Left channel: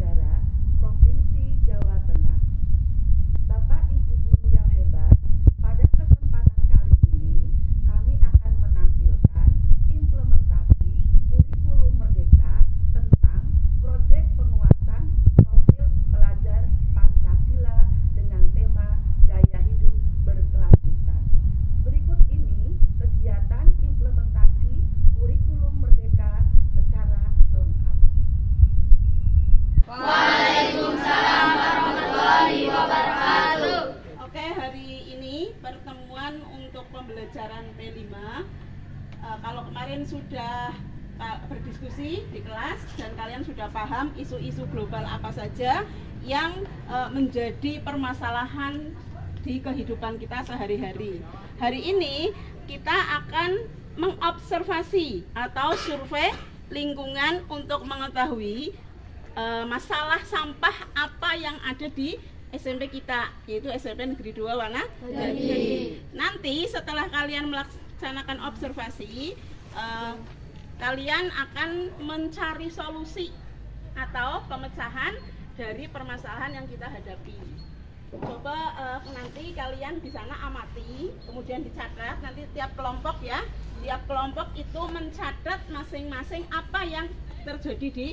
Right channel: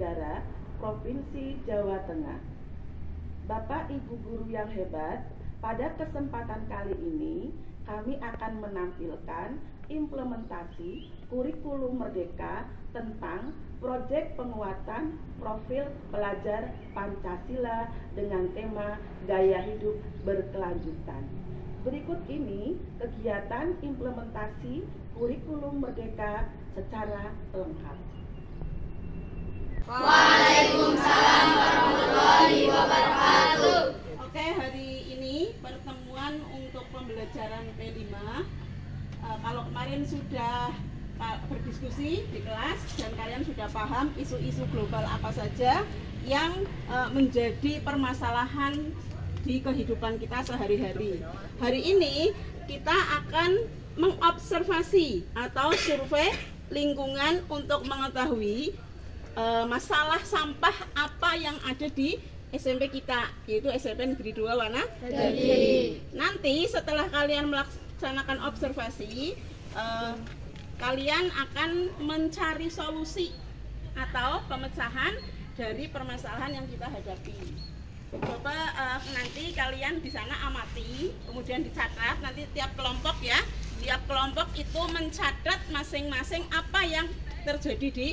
Negara Provinsi Jawa Tengah. Bapak Ibu guru yang hebat, pada kesempatan kali ini kami akan menampilkan implementasi kurikulum Merdeka tentang proyek penguatan profil pelajar Pancasila dengan tema gaya hidup berkelanjutan. Berikut ini kegiatan implementasi kurikulum Merdeka secara lengkap. Waalaikumsalam warahmatullahi wabarakatuh. Oke, hari ini pertemuan untuk pembelajaran P5. Kalau kemarin sudah berdiskusi di kelas dan kalian sudah paham isu-isu global apa saja yang menjadi permasalahan di kehidupan kita sehari-hari. Hari ini kita akan mengobservasi atau survei lingkungan untuk mengetahui masalah sampah apa yang ada di SMP kita, yaitu SMP Negeri 2 Wanadadi. Nanti setelah kalian melaksanakan observasi, kalian akan mencari solusi atau pemecahan dari permasalahan yang kita hadapi. Coba nanti kalian di sana amati, kemudian dicatat. Nanti tiap kelompok ya, tiap kelompok itu mencatat masing-masing apa yang terjadi di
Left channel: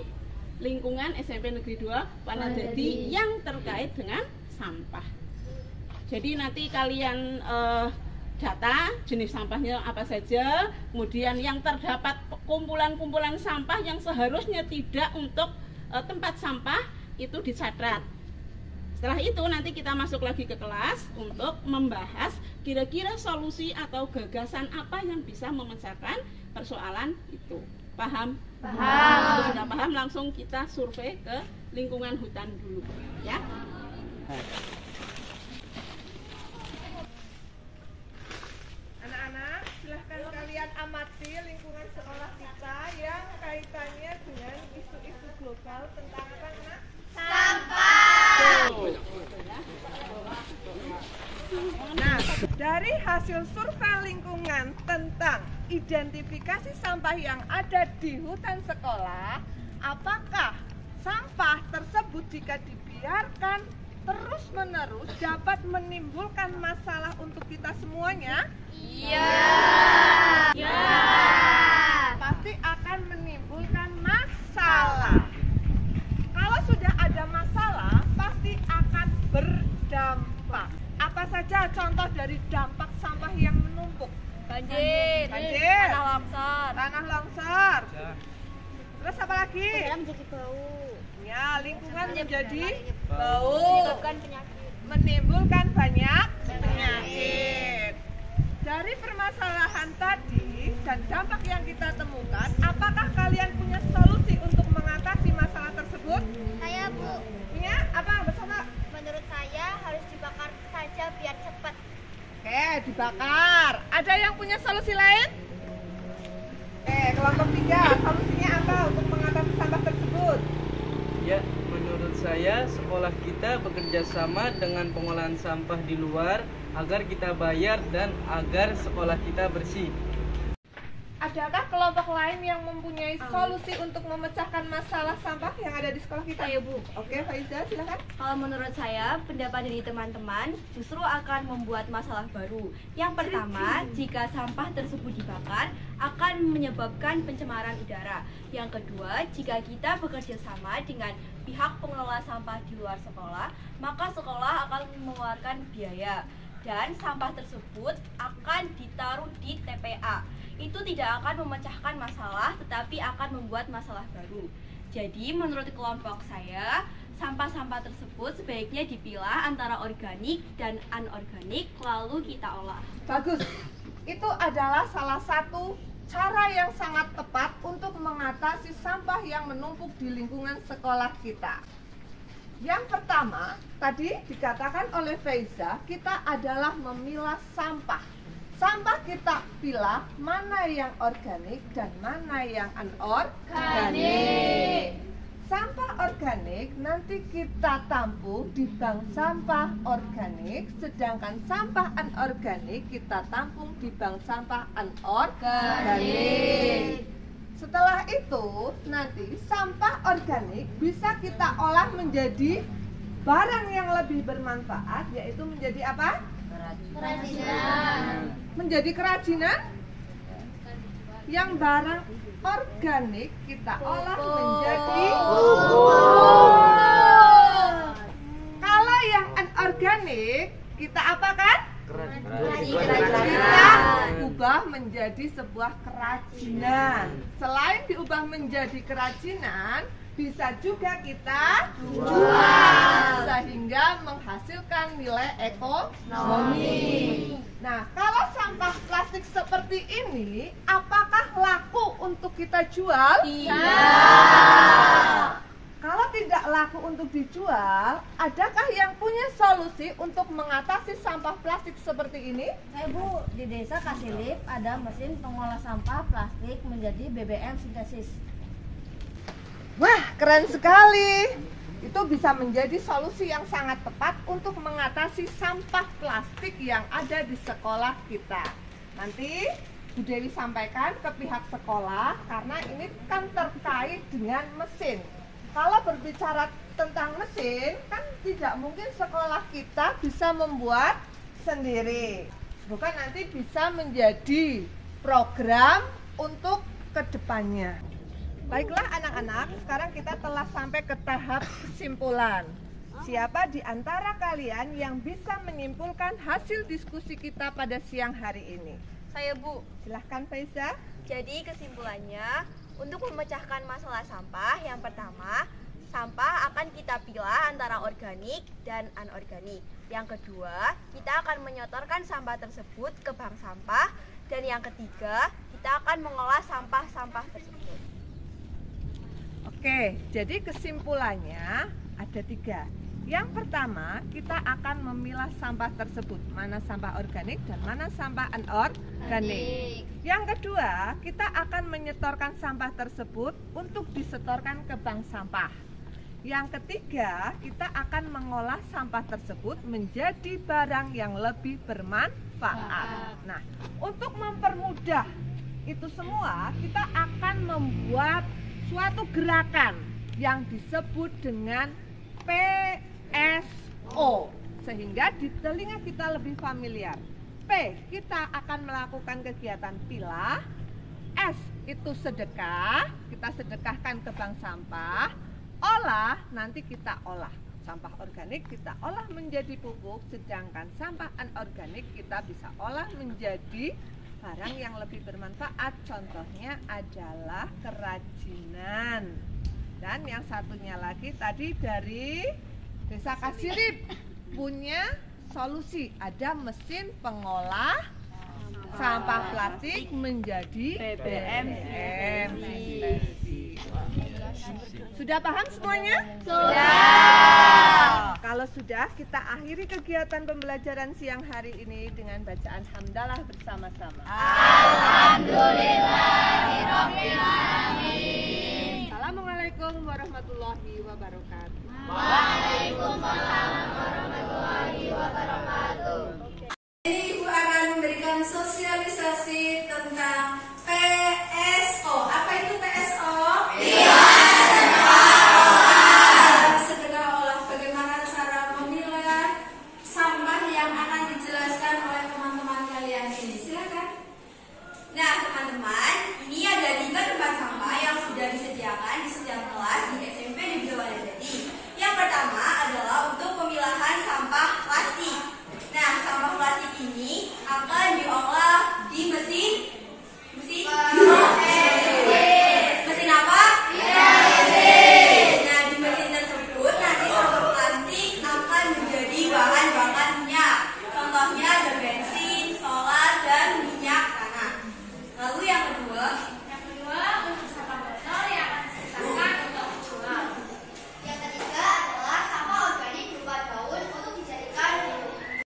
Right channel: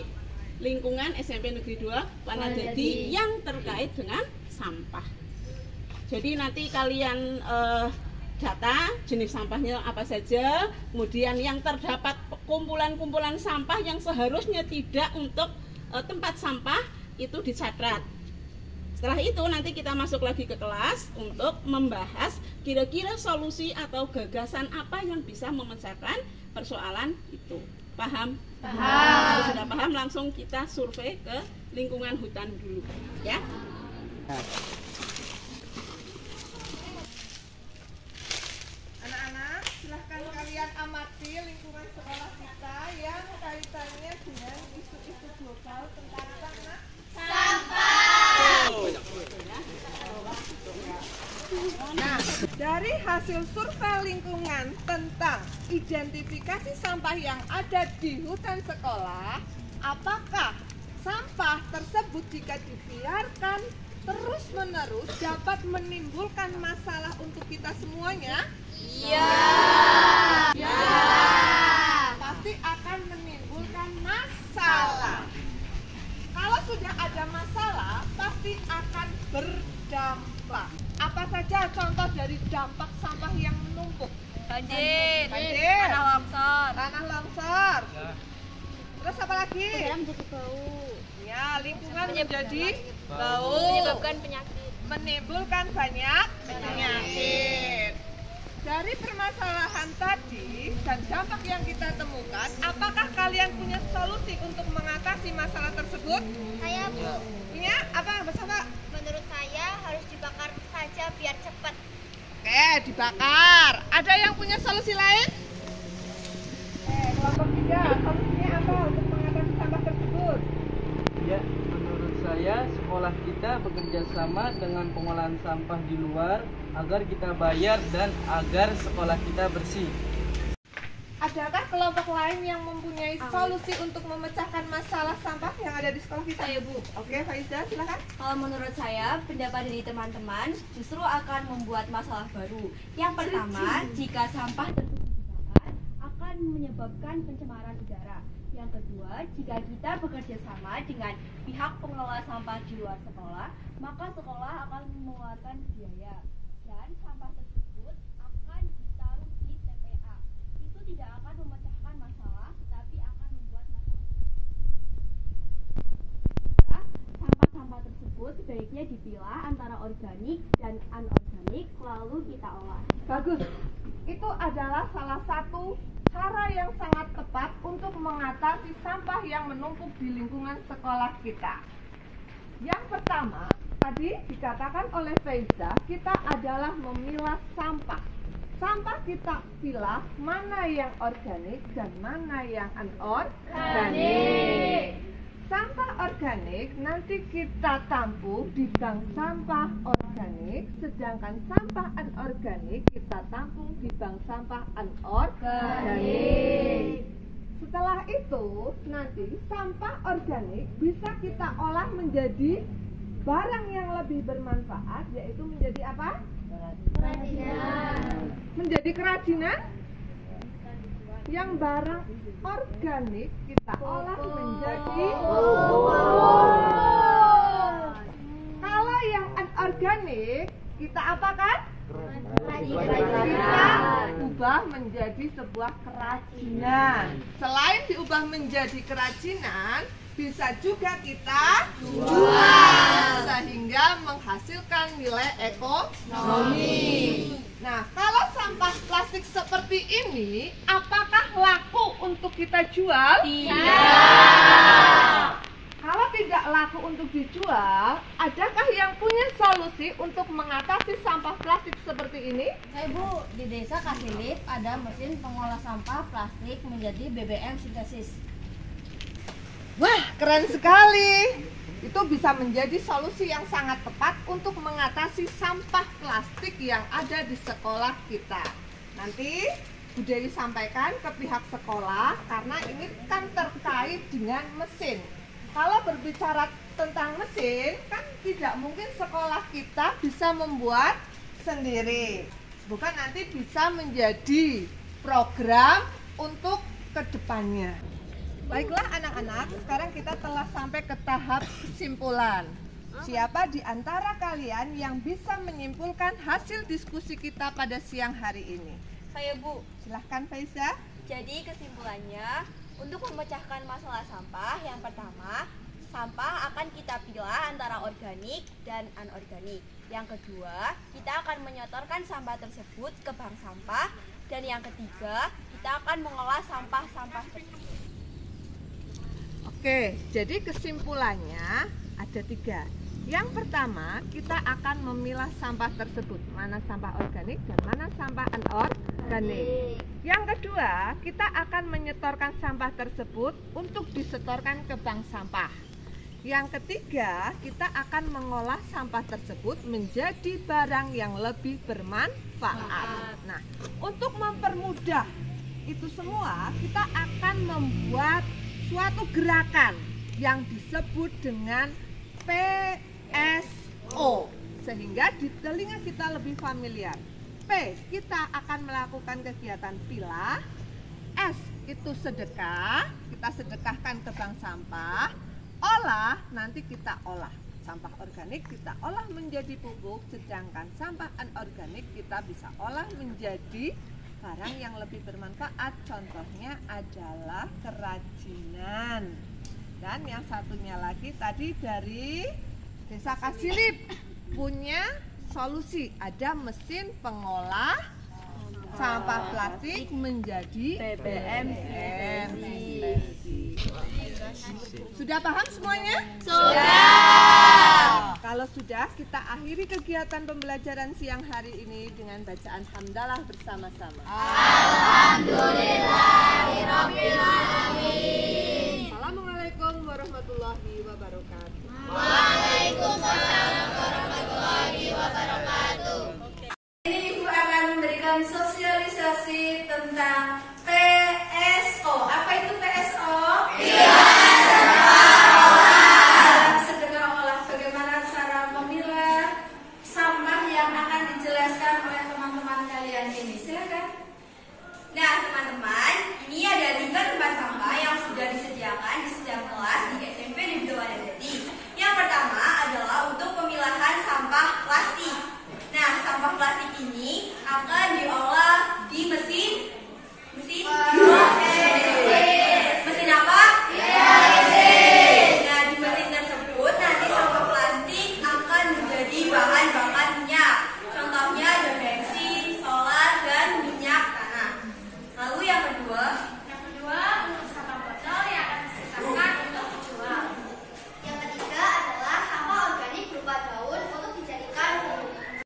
lingkungan SMP Negeri 2 Wanadadi yang terkait dengan sampah. Jadi nanti kalian data jenis sampahnya apa saja, kemudian yang terdapat kumpulan-kumpulan sampah yang seharusnya tidak untuk tempat sampah itu dicatat. Setelah itu nanti kita masuk lagi ke kelas untuk membahas kira-kira solusi atau gagasan apa yang bisa memecahkan persoalan itu. Paham? Paham. Kalau sudah paham, langsung kita survei ke lingkungan hutan dulu, ya. Anak-anak, silahkan kalian amati lingkungan sekolah kita yang kaitannya dengan isu-isu global tentang apa, Nak? Nah, dari hasil survei lingkungan tentang identifikasi sampah yang ada di hutan sekolah, apakah sampah tersebut jika dibiarkan terus-menerus dapat menimbulkan masalah untuk kita semuanya? Iya. Pasti akan menimbulkan masalah. Kalau sudah ada masalah, pasti akan berdampak. Apa saja contoh dari dampak sampah yang menumpuk? Banjir, tanah longsor. Terus apa lagi? Ya, lingkungan menjadi bau, menimbulkan banyak penyakit. Dari permasalahan tadi dan dampak yang kita temukan, apakah kalian punya solusi untuk mengatasi masalah tersebut? Saya, Bu. Punya? Apa? Bersama? Menurut saya harus dibakar saja biar cepat. Oke, dibakar. Ada yang punya solusi lain? Kelompok 3, solusinya apa untuk mengatasi sampah tersebut? Ya, menurut saya sekolah kita bekerja sama dengan pengolahan sampah di luar agar kita bayar dan agar sekolah kita bersih. Adakah kelompok lain yang mempunyai solusi untuk memecahkan masalah sampah yang ada di sekolah kita? Ayo, Bu. Oke, Faiza, silakan. Kalau menurut saya, pendapat dari teman-teman justru akan membuat masalah baru. Yang pertama, jika sampah tersebut dibakar, akan menyebabkan pencemaran udara. Yang kedua, jika kita bekerja sama dengan pihak pengelola sampah di luar sekolah, maka sekolah akan mengeluarkan biaya. Dan sampah tersebut akan ditaruh di TPA. Itu tidak akan memecahkan masalah, tetapi akan membuat masalah baru. Jadi menurut kelompok saya, sampah-sampah tersebut sebaiknya dipilah antara organik dan anorganik, lalu kita olah. Bagus. Itu adalah salah satu cara yang sangat tepat untuk mengatasi sampah yang menumpuk di lingkungan sekolah kita. Yang pertama, tadi dikatakan oleh Faiza, kita adalah memilah sampah. Sampah kita pilah mana yang organik dan mana yang anorganik. Sampah organik nanti kita tampung di bank sampah organik, sedangkan sampah anorganik kita tampung di bank sampah anorganik. Setelah itu, nanti sampah organik bisa kita olah menjadi barang yang lebih bermanfaat, yaitu menjadi apa? Kerajinan. Menjadi kerajinan yang barang organik kita olah menjadi Kalau yang anorganik kita apakan? Kita ubah menjadi sebuah kerajinan. Selain diubah menjadi kerajinan, bisa juga kita jual sehingga menghasilkan nilai ekonomi. Nah, kalau sampah plastik seperti ini, apakah laku untuk kita jual? Tidak. Kalau tidak laku untuk dijual, adakah yang punya solusi untuk mengatasi sampah plastik seperti ini? Bu, di desa Kasilip ada mesin pengolah sampah plastik menjadi BBM sintesis. Wah, keren sekali. Itu bisa menjadi solusi yang sangat tepat untuk mengatasi sampah plastik yang ada di sekolah kita. Nanti Bu Dewi sampaikan ke pihak sekolah karena ini kan terkait dengan mesin. Kalau berbicara tentang mesin, kan tidak mungkin sekolah kita bisa membuat sendiri. Bukan nanti bisa menjadi program untuk kedepannya. Baiklah anak-anak, sekarang kita telah sampai ke tahap kesimpulan. Siapa di antara kalian yang bisa menyimpulkan hasil diskusi kita pada siang hari ini? Saya, Bu. Silahkan Faiza. Jadi kesimpulannya, untuk memecahkan masalah sampah, yang pertama, sampah akan kita pilah antara organik dan anorganik. Yang kedua, kita akan menyetorkan sampah tersebut ke bank sampah. Dan yang ketiga, kita akan mengolah sampah-sampah tersebut. Oke, jadi kesimpulannya ada 3. Yang pertama, kita akan memilah sampah tersebut, mana sampah organik dan mana sampah anorganik. Yang kedua, kita akan menyetorkan sampah tersebut untuk disetorkan ke bank sampah. Yang ketiga, kita akan mengolah sampah tersebut menjadi barang yang lebih bermanfaat. Nah, untuk mempermudah itu semua, kita akan membuat suatu gerakan yang disebut dengan PSO, sehingga di telinga kita lebih familiar. P, kita akan melakukan kegiatan pilah. S, itu sedekah, kita sedekahkan ke bank sampah. Olah, nanti kita olah. Sampah organik kita olah menjadi pupuk, sedangkan sampah anorganik kita bisa olah menjadi barang yang lebih bermanfaat. Contohnya adalah kerajinan. Dan yang satunya lagi tadi dari Desa Kasilip punya solusi, ada mesin pengolah sampah plastik menjadi BBM. Sudah paham semuanya? Sudah. Kalau sudah, kita akhiri kegiatan pembelajaran siang hari ini dengan bacaan hamdalah bersama-sama. Alhamdulillahirabbil alamin. Assalamualaikum warahmatullahi wabarakatuh. Waalaikumsalam warahmatullahi wabarakatuh. Ini Ibu akan memberikan sosialisasi tentang PSO. Apa itu PSO? Sedekah olah. Bagaimana cara memilah sampah yang akan dijelaskan oleh teman-teman kalian ini. Silakan. Nah, teman-teman, ini ada 3 tempat sampah yang sudah disediakan di setiap kelas di SMP Negeri Wadadadi. Yang pertama adalah untuk pemilahan sampah plastik. Nah, sampah plastik ini akan diolah di mesin mesin apa? Nah, di mesin tersebut nanti sampah plastik akan menjadi bahan bakar minyak. Contohnya ada bensin, solar, dan minyak tanah. Lalu yang kedua untuk sampah botol yang akan disetorkan untuk dijual. Yang ketiga adalah sampah organik berupa daun untuk dijadikan pupuk.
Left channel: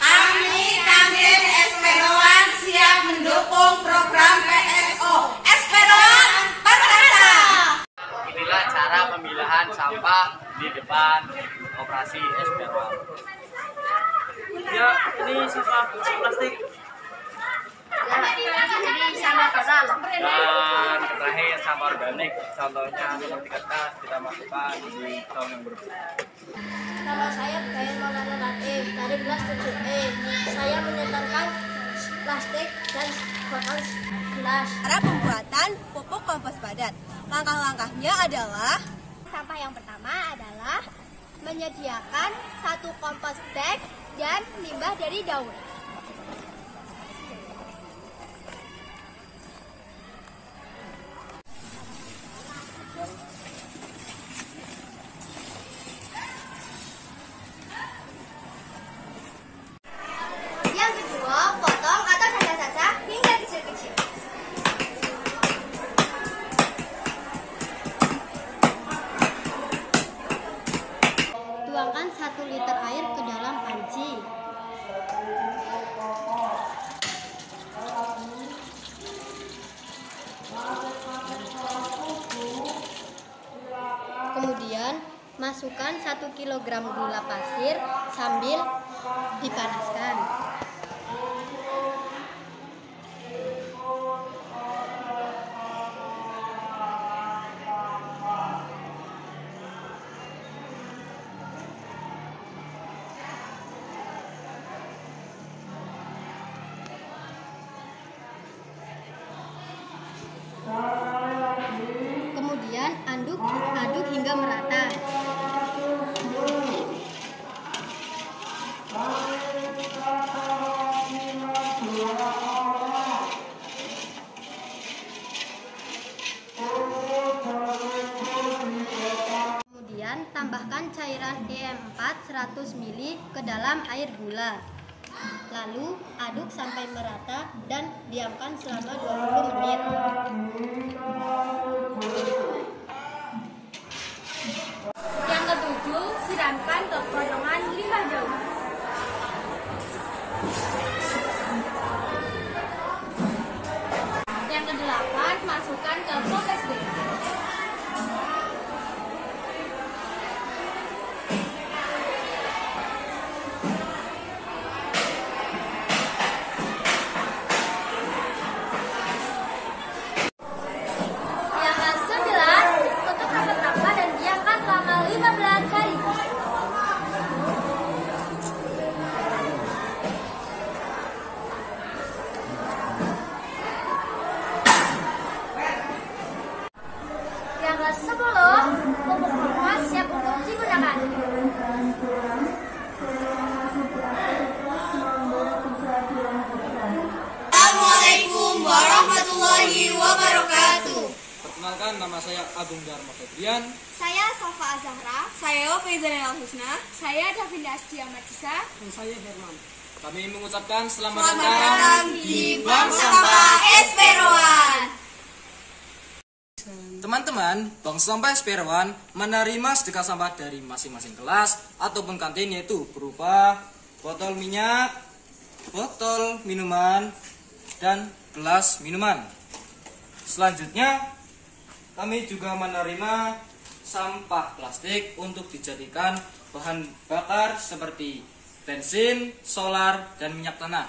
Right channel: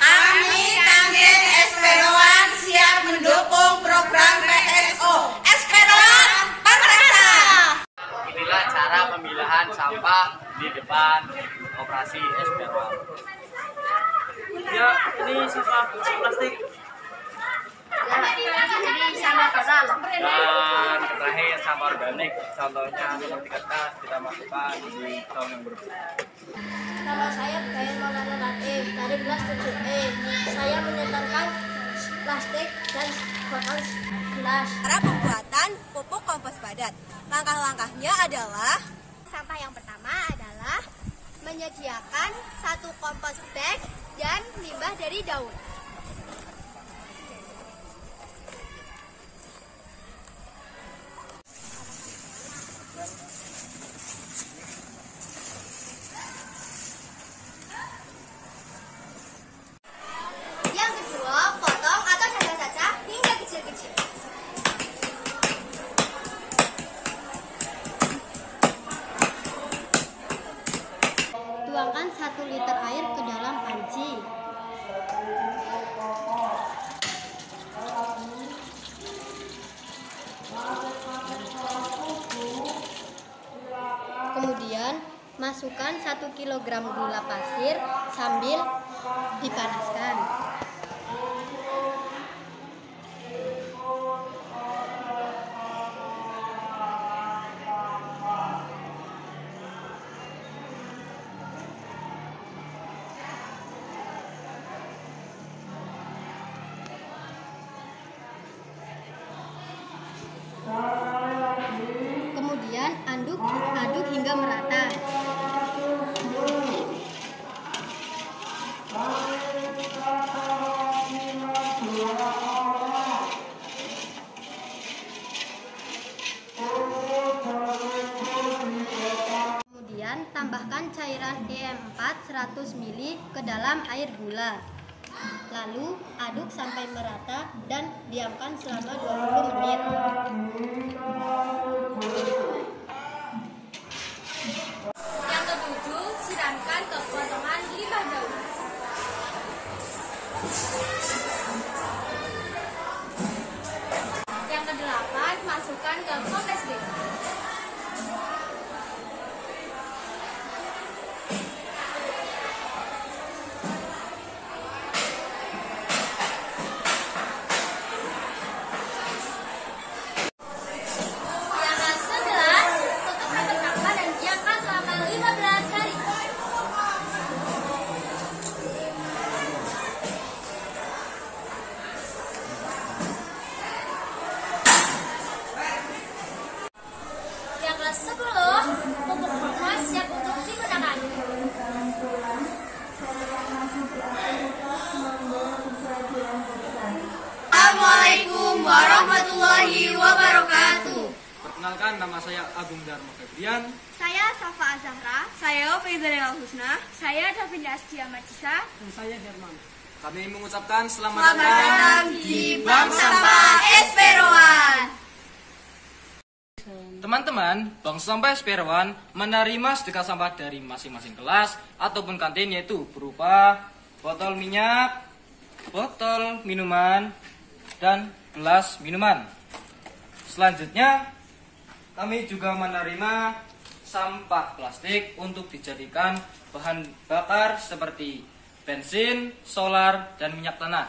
Kami Kantin Esperoan siap mendukung program PSO. Esperoan Perkasa. Inilah cara pemilahan sampah di depan operasi Esperoan. Ya, ini sisa plastik. jadi sampah total. Dan terakhir sampah organik, contohnya seperti kertas kita masukkan di tong yang berbeda. Nama saya Bayan Maulana Latif dari kelas 7E. Saya menyetorkan plastik dan botol gelas. Cara pembuatan pupuk kompos padat. Langkah-langkahnya adalah Sampah yang pertama adalah menyediakan 1 kompos bag dan limbah dari daun. Yang kedua, potong atau cacah-cacah hingga kecil-kecil. Tuangkan 1 liter air ke dalam panci. Kemudian masukkan 1 kg gula pasir sambil dipanaskan. Kemudian aduk hingga merata. Kemudian tambahkan cairan EM4 100 ml ke dalam air gula. Lalu aduk sampai merata dan diamkan selama 20 menit. Yang ketujuh, siramkan ke potongan 5 daun. Yang kedelapan, masukkan ke kompres bag. Yang ke-10, pupuk kompos siap untuk digunakan. Assalamualaikum warahmatullahi wabarakatuh. Perkenalkan, nama saya Agung Dharma Febrian. Saya Safa Azahra. Saya Faizanil Husna. Saya Davinda Astia Majisa. Dan saya Herman. Kami mengucapkan selamat Selamat datang datang di Bank Sampah SP1. Teman-teman, Bank Sampah SP1 menerima sedekah sampah dari masing-masing kelas ataupun kantin, yaitu berupa botol minyak, botol minuman, dan gelas minuman. Selanjutnya, kami juga menerima sampah plastik untuk dijadikan bahan bakar seperti bensin, solar, dan minyak tanah.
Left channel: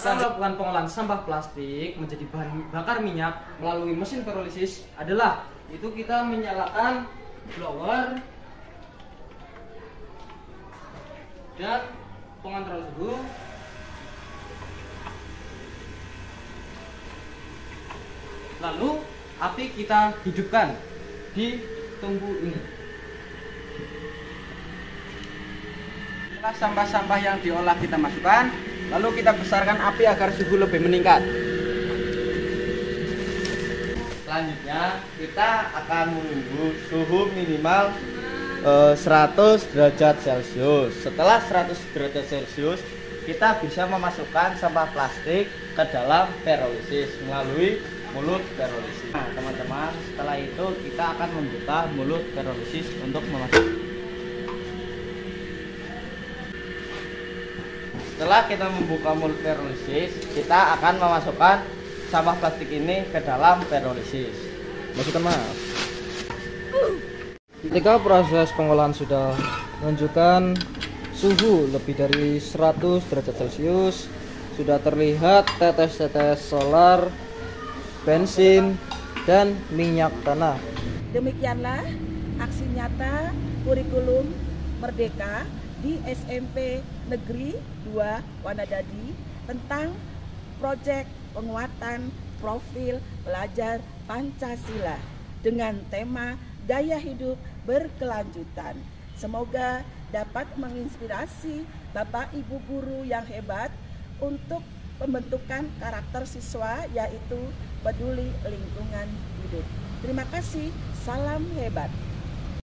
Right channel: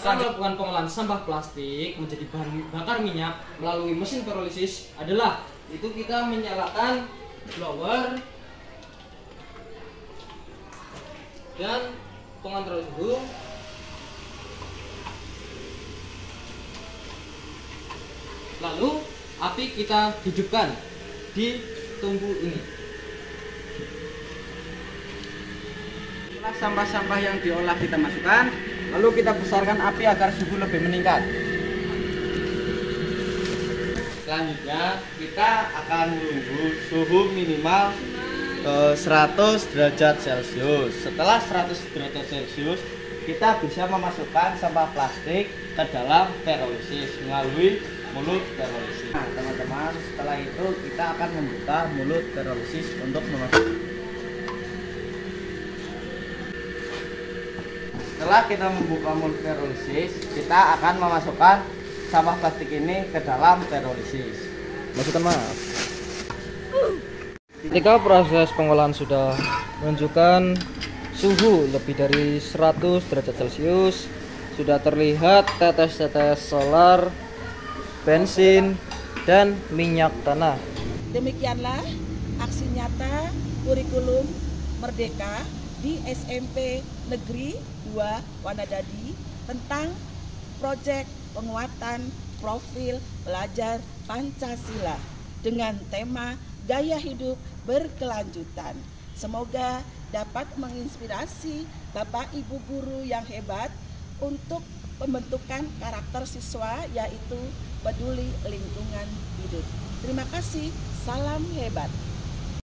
Cara melakukan pengolahan sampah plastik menjadi bahan bakar minyak melalui mesin pirolisis adalah itu kita menyalakan blower dan pengontrol suhu. Lalu api kita hidupkan di tungku ini. Setelah sampah-sampah yang diolah kita masukkan, lalu kita besarkan api agar suhu lebih meningkat. Selanjutnya kita akan menunggu suhu minimal 100 derajat Celcius. Setelah 100 derajat Celcius, kita bisa memasukkan sampah plastik ke dalam pirolisis melalui mulut pirolisis. Nah, teman-teman, setelah itu kita akan membuka mulut pirolisis untuk memasukkan. Setelah kita membuka mulut pirolisis, kita akan memasukkan sampah plastik ini ke dalam pirolisis. Masukkan, maaf. Ketika proses pengolahan sudah menunjukkan suhu lebih dari 100 derajat Celcius, sudah terlihat tetes-tetes solar, bensin, dan minyak tanah. Demikianlah aksi nyata kurikulum Merdeka di SMP Negeri 2 Wanadadi tentang proyek penguatan profil pelajar Pancasila dengan tema gaya hidup berkelanjutan. Semoga dapat menginspirasi Bapak Ibu guru yang hebat untuk pembentukan karakter siswa, yaitu peduli lingkungan hidup. Terima kasih, salam hebat.